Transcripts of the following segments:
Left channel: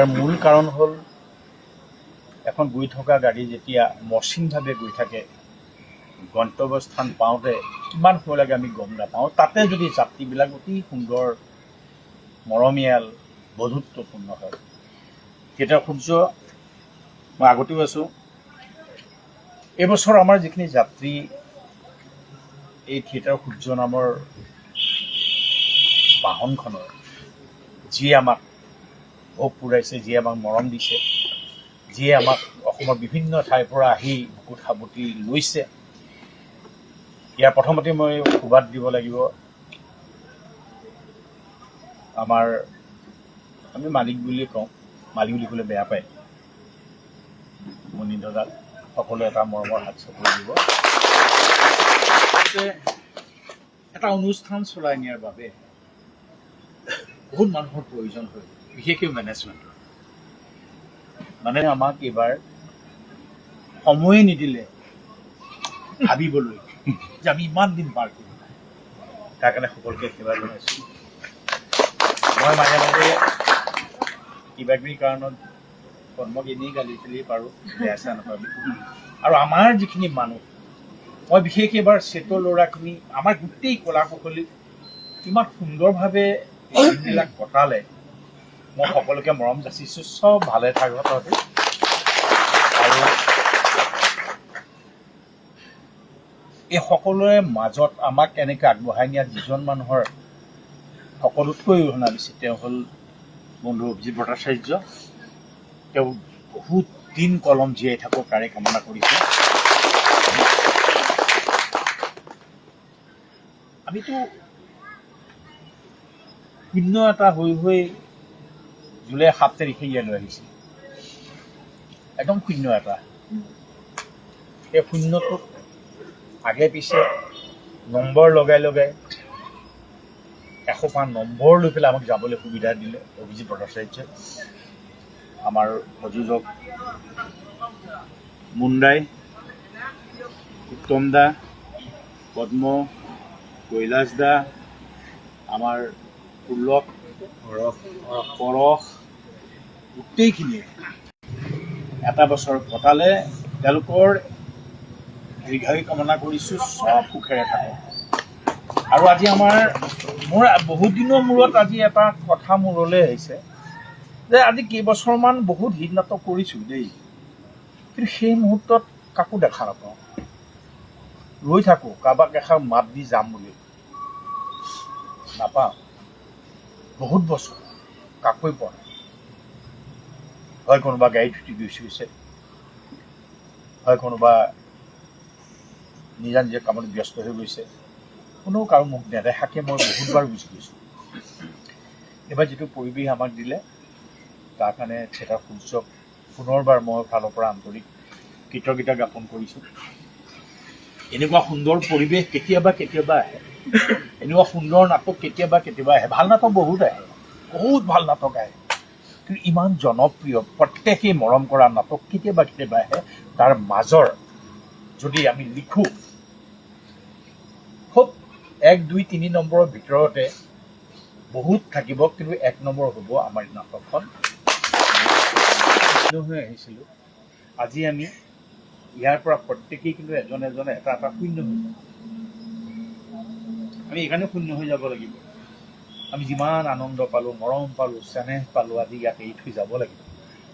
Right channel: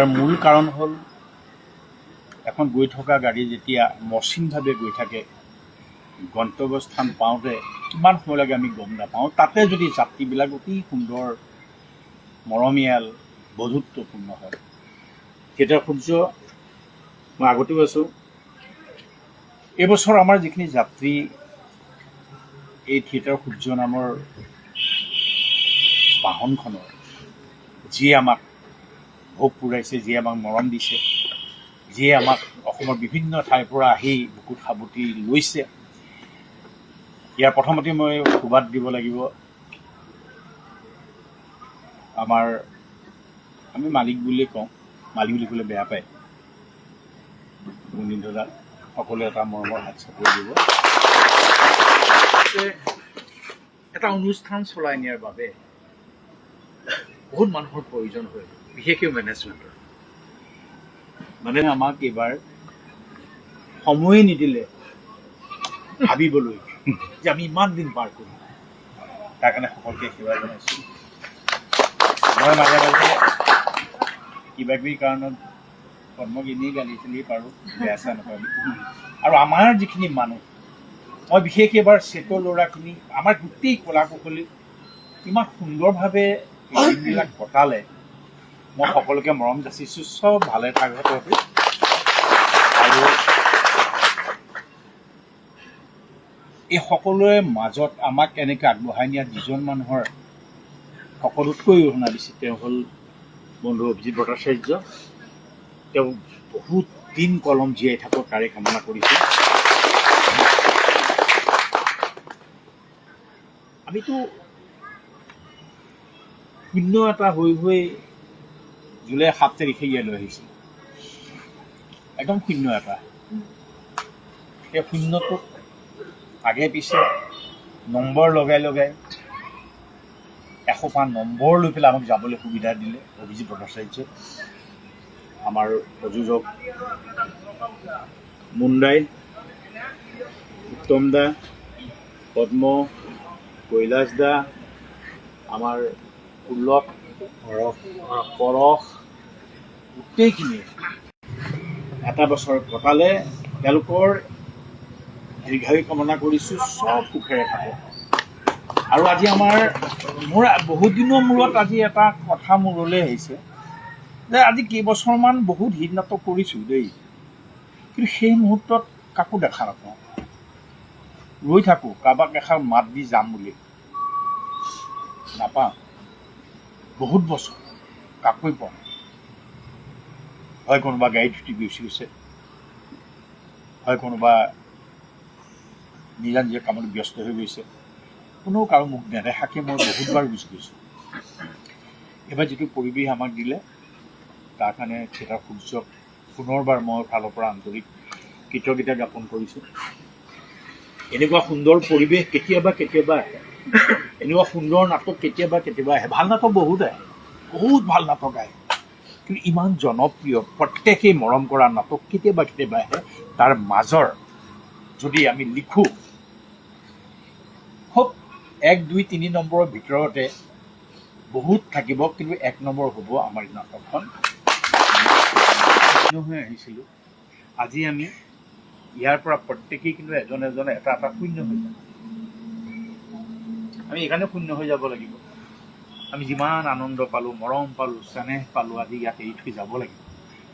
আৰু মূল কাৰণ হ'ল এখন গৈ থকা গাড়ী যেতিয়া মসৃণভাৱে গৈ থাকে গন্তব্যস্থান পাওঁতে কিমান সময় লাগে আমি গম নাপাওঁ। তাতে যদি যাত্ৰীবিলাক অতি সুন্দৰ মৰমীয়াল বন্ধুত্বপূৰ্ণ হয়। থিয়েটাৰ সূৰ্য মই আগতেও আছোঁ। এইবছৰ আমাৰ যিখিনি যাত্ৰী এই থিয়েটাৰ সূৰ্য নামৰ বাহনখনৰ যিয়ে আমাক ভোগ পুৰাইছে, যিয়ে আমাক মৰম দিছে, যিয়ে আমাক অসমৰ বিভিন্ন ঠাইৰ পৰা আহি বুকুত সাৱটি লৈছে, ইয়াৰ প্ৰথমতে মই সুবাদ দিব লাগিব আমি মালিক বুলিয়ে কওঁ, মালিক বুলি ক'লে বেয়া পায়, মুনীন্দ্ৰদাক সকলোৱে এটা মৰমৰ হাত চাপৰি দিব। এটা অনুষ্ঠান চলাই নিয়াৰ বাবে বহুত মানুহৰ প্ৰয়োজন হয়, বিশেষকৈ মেনেজমেণ্টৰ। মানে আমাক এইবাৰ সময়ে নিদিলে ভাবিবলৈ যে আমি ইমান দিন পাৰ কৰিম। তাৰ কাৰণে সকলোকে সেৱা জনাইছোঁ। মই মাজে মাজে কিবা কিবি কাৰণত কৰ্মক এনেই গালি চালি পাৰোঁ, বেয়া চেয়া নাপাবি। আৰু আমাৰ যিখিনি মানুহ, মই বিশেষ এবাৰ চেটৰ ল'ৰাখিনি আমাৰ গোটেই কলা কুশলী ইমান সুন্দৰভাৱে দিনবিলাক কটালে, মই সকলোকে মৰম যাচিছোঁ। চব ভালে থাকক তহঁতি। আৰু এই সকলোৰে মাজত আমাক এনেকৈ আগবঢ়াই নিয়াত যিজন মানুহৰ সকলোতকৈ অৰিহণা দিছে তেওঁ হ'ল বন্ধু অভিজিত ভট্টাচাৰ্য। তেওঁ বহুত দিন কলম জীয়াই থাকক তাৰে কামনা কৰিছোঁ। আমিতো শূন্য এটা হৈ জুলাই 7 তাৰিখে ইয়ালৈ আহিছিল, একদম শূন্য এটা। সেই শূন্যটোক আগে পিছে নম্বৰ লগাই 105 নম্বৰ লৈ পেলাই আমাক যাবলৈ সুবিধা দিলে অভিজিত ভট্টাচাৰ্যই। আমাৰ প্ৰযোজক মুণ্ডাই, উত্তম দা, পদ্ম, কৈলাশ দা, আমাৰ পুলক, পৰশ, গোটেইখিনিয়ে এটা বছৰ কটালে। তেওঁলোকৰ দীৰ্ঘায়ু কামনা কৰিছোঁ, চব সুখেৰে থাকক। আৰু আজি মোৰ বহুত দিনৰ মূৰত আজি এটা কথা মূৰলৈ আহিছে যে আজি কেইবছৰমান বহুত হিট নাটক কৰিছোঁ দেই, কিন্তু সেই মুহূৰ্তত কাকো দেখা নাপাওঁ। ৰৈ থাকোঁ কাৰোবাক এষাৰ মাত দি যাম বুলি, নাপাওঁ। বহুত বছৰ কাকোৱে পোৱা নাই। হয় কোনোবা গাড়ীত উঠি গৈছে, হয় কোনোবা নিজা নিজা কামত ব্যস্ত হৈ গৈছে, কোনেও কাৰো মুখ নেদেখাকে মই বহুতবাৰ গুচি গৈছোঁ। এইবাৰ যিটো পৰিৱেশ আমাক দিলে তাৰ কাৰণে থিয়েটাৰ সূৰ্যক পুনৰবাৰ মই ফালৰ পৰা আন্তৰিক কৃতজ্ঞতা জ্ঞাপন কৰিছোঁ। এনেকুৱা সুন্দৰ পৰিৱেশ কেতিয়াবা আহে, এনেকুৱা সুন্দৰ নাটক কেতিয়াবা আহে। ভাল নাটক বহুত আহে, বহুত ভাল নাটক আহে, কিন্তু ইমান জনপ্ৰিয় প্ৰত্যেকেই মৰম কৰা নাটক কেতিয়াবা আহে। তাৰ মাজৰ যদি আমি লিখোঁ খুব 1, 2, 3 নম্বৰৰ ভিতৰতে বহুত থাকিব, কিন্তু 1 নম্বৰ হ'ব আমাৰ নাটকখন। হৈ আহিছিলোঁ, আজি আমি ইয়াৰ পৰা প্ৰত্যেকেই কিন্তু এজন এটা শূন্য হৈ যাম। আমি এইকাৰণে শূন্য হৈ যাব লাগিব, আমি যিমান আনন্দ পালোঁ, মৰম পালোঁ, চেনেহ পালোঁ, আজি ইয়াত এৰি থৈ যাব লাগিব।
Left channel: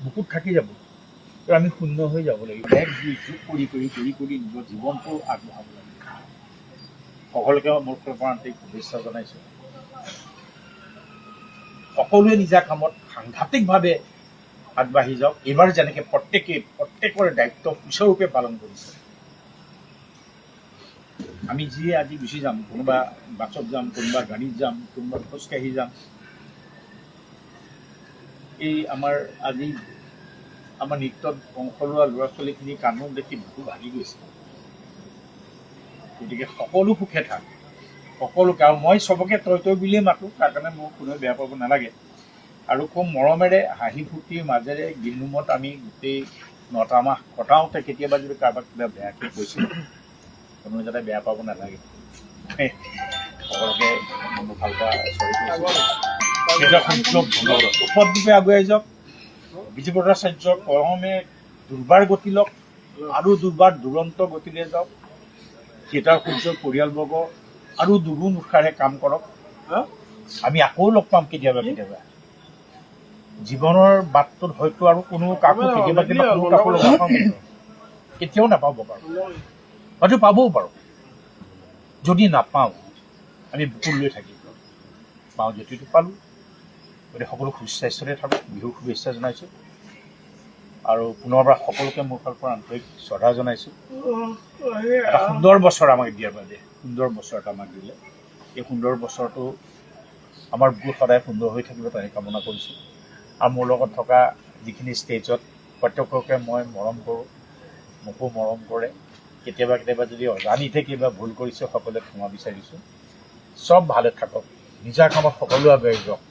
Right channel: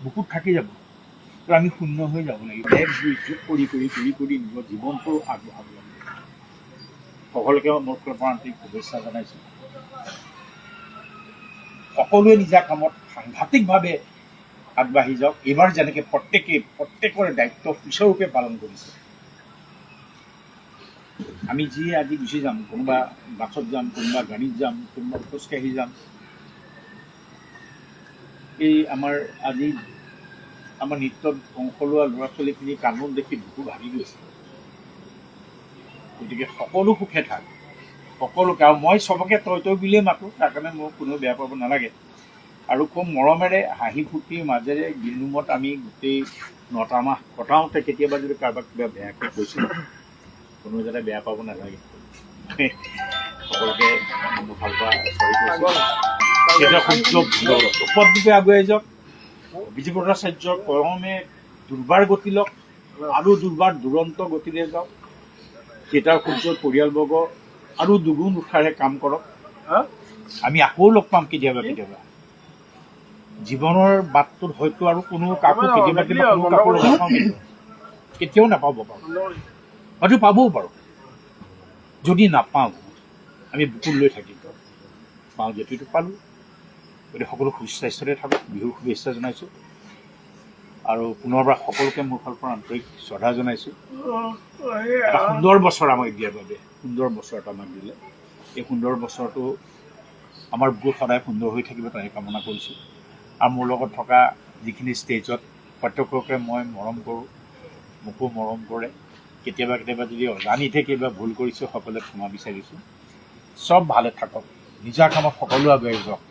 বহুত থাকি যাব, তো আমি শূন্য হৈ যাব লাগিব। 1, 2 কৰি নিজৰ জীৱনটো আগবঢ়াব লাগিব। সকলোকে মোৰ ফালৰ পৰা আন্তৰিক শুভেচ্ছা জনাইছোঁ। সকলোৱে নিজা কামত সাংঘাতিকভাৱে আগবাঢ়ি যাওক। এইবাৰ যেনেকৈ প্ৰত্যেকৰে দায়িত্ব সুচাৰুৰূপে পালন কৰিছে। আমি যিয়ে আজি গুচি যাম, কোনোবা বাছত যাম, কোনোবা গাড়ীত যাম, কোনোবা খোজকাঢ়ি যাম, এই আজি আমাৰ নৃত্যত অংশ লোৱা ল'ৰা ছোৱালীখিনি কান্দোন দেখি বুকু ভাগি গৈছে। গতিকে সকলো সুখে থাক, সকলোকে। আৰু মই চবকে তই বুলিয়ে মাতোঁ, তাৰ কাৰণে মোক কোনেও বেয়া পাব নালাগে। আৰু খুব মৰমেৰে হাঁহি ফূৰ্তিৰ মাজেৰে দিনমত আমি গোটেই 9টা মাহ কটাওঁতে কেতিয়াবা যদি কাৰোবাক কিবা বেয়াকৈ কৈছোঁ, কোনোৱে যাতে বেয়া পাব নালাগে। সকলোকে ভাল পোৱা চৰি কৈছোঁ। উপদ্ৰৱে আগুৱাই যাওক। অভিজিৎ ভট্টাচাৰ্য ক্ৰমে দুৰ্বাৰ গতি লওক আৰু দুৰ্বাৰ দুৰন্ত গতিৰে যাওক। থিয়েটাৰ সূৰ্যৰ পৰিয়ালবৰ্গ আৰু দুগুণ উৎসাহে কাম কৰক। আমি আকৌ লগ পাম কেতিয়াবা কেতিয়াবা। জীৱনৰ বাটটোত হয়তো আৰু কোনো কাকো কেতিয়াও নাপাব পাৰোঁ, হয়তো পাবও পাৰোঁ। যদি নাপাওঁ আমি বুকুত লৈ থাকিম, পাওঁ যদিটো পালোঁ। গতিকে সকলো সুস্বাস্থ্যৰে থাকক, বিহুৰ শুভেচ্ছা জনাইছোঁ আৰু পুনৰবাৰ সকলোকে মোৰ ফালৰ পৰা আন্তৰিক শ্ৰদ্ধা জনাইছোঁ। এটা সুন্দৰ বছৰ আমাক দিয়াৰ বাবে, সুন্দৰ বছৰ এটা আমাক দিলে। এই সুন্দৰ বছৰটো আমাৰ বুকুত সদায় সুন্দৰ হৈ থাকিব তাৰে কামনা কৰিছোঁ। আৰু মোৰ লগত থকা যিখিনি ষ্টেজত প্ৰত্যেককে মই মৰম কৰোঁ, মোকো মৰম কৰে। কেতিয়াবা কেতিয়াবা যদি অজানিতে কিবা ভুল কৰিছোঁ সকলোৱে ক্ষমা বিচাৰিছোঁ। চব ভালে থাকক, নিজা কামত সকলো আগুৱাই যাওক,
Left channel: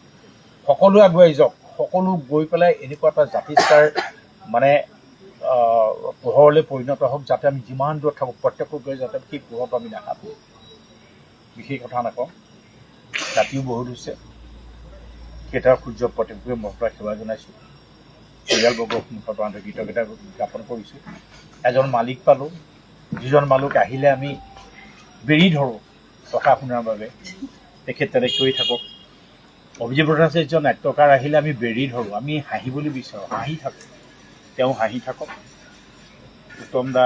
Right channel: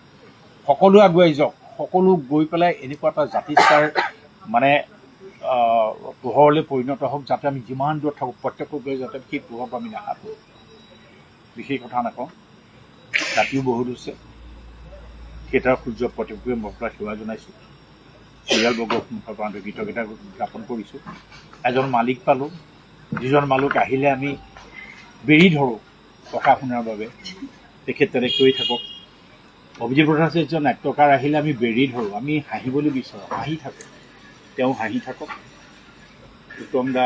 সকলো আগুৱাই যাওক, সকলো গৈ পেলাই এনেকুৱা এটা জাতিষ্কাৰ মানে পোহৰলৈ পৰিণত হওক, যাতে আমি যিমান দূৰত থাকোঁ প্ৰত্যেকটো গৈ যাতে সেই পোহৰটো আমি দেখা পাওঁ। বিশেষ কথা নকওঁ, ৰাতিও বহুত হৈছে। থিয়েটাৰ সূৰ্য প্ৰত্যেকটোৱে মই পৰা সেৱা জনাইছোঁ। পৰিয়ালবৰ্গৰ মুখৰ পৰা কৃতজ্ঞতা জ্ঞাপন কৰিছোঁ। এজন মালিক পালোঁ, যিজন মালিক আহিলে আমি বেৰি ধৰোঁ কথা শুনাৰ বাবে, তেখেত তেনেকৈ থাকক। অভিজিৎ ভট্টাচাৰ্য নাট্যকাৰ আহিলে আমি বেৰি ধৰোঁ, আমি হাঁহিবলৈ বিচাৰোঁ, হাঁহি থাকোঁ, তেওঁ হাঁহি থাকক। উত্তম দা,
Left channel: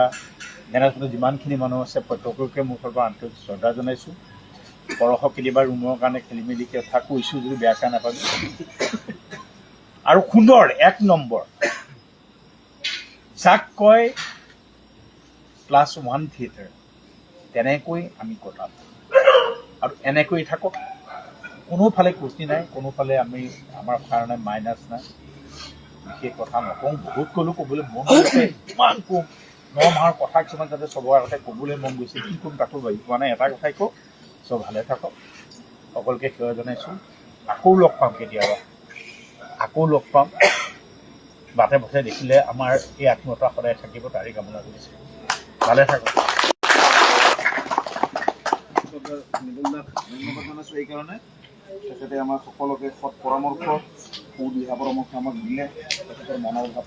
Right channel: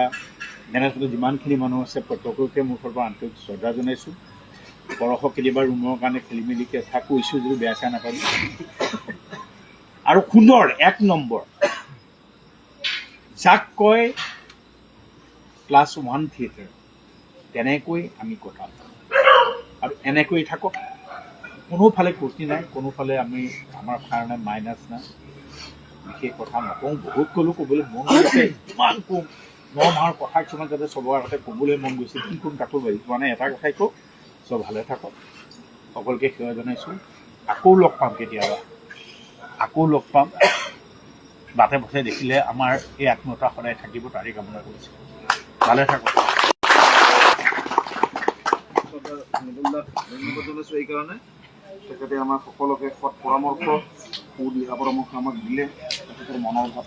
মেনেজমেণ্টত যিমানখিনি মানুহ আছে প্ৰত্যেককে মোৰ ফালৰ পৰা আন্তৰিক শ্ৰদ্ধা জনাইছোঁ। বৰষক কেতিয়াবা ৰুমৰ কাৰণে খেলি মেলি কথা কৈছোঁ যদি বেয়া চেয়া নাপাবি। আৰু সুন্দৰ 1 নম্বৰ যাক কয় +1 থিয়েটাৰ, তেনেকৈ আমি কটাম আৰু এনেকৈ থাকক। কোনোফালে ক্ষতি নাই, কোনোফালে আমাৰ কাৰণে মাইনাছ নাই। বিশেষ কথা নকওঁ, বহুত ক'বলৈ মন গৈছে, ইমান কম 9 মাহৰ কথা কিছুমান যাতে চবৰ আগতে ক'বলৈ মন গৈছে, কি ক'ম তাকো পাৰিছোঁ। মানে এটা কথাই কওঁ, চব ভালে থাকক, সকলোকে সেৱা জনাইছোঁ। আকৌ লগ পাম কেতিয়াবা, আকৌ লগ পাম। বাটে পথে দেখিলে আমাৰ এই আত্মীয়তা সদায় থাকিব তাৰে কামনা কৰিছোঁ। ভালে থাকক। ধন্যবাদ জনাইছোঁ এইকাৰণে তেখেতে আমাৰ সকলোকে সৎ পৰামৰ্শ, সু দিহা পৰামৰ্শ আমাক দিলে, তেখেতৰ মনৰ ভাৱ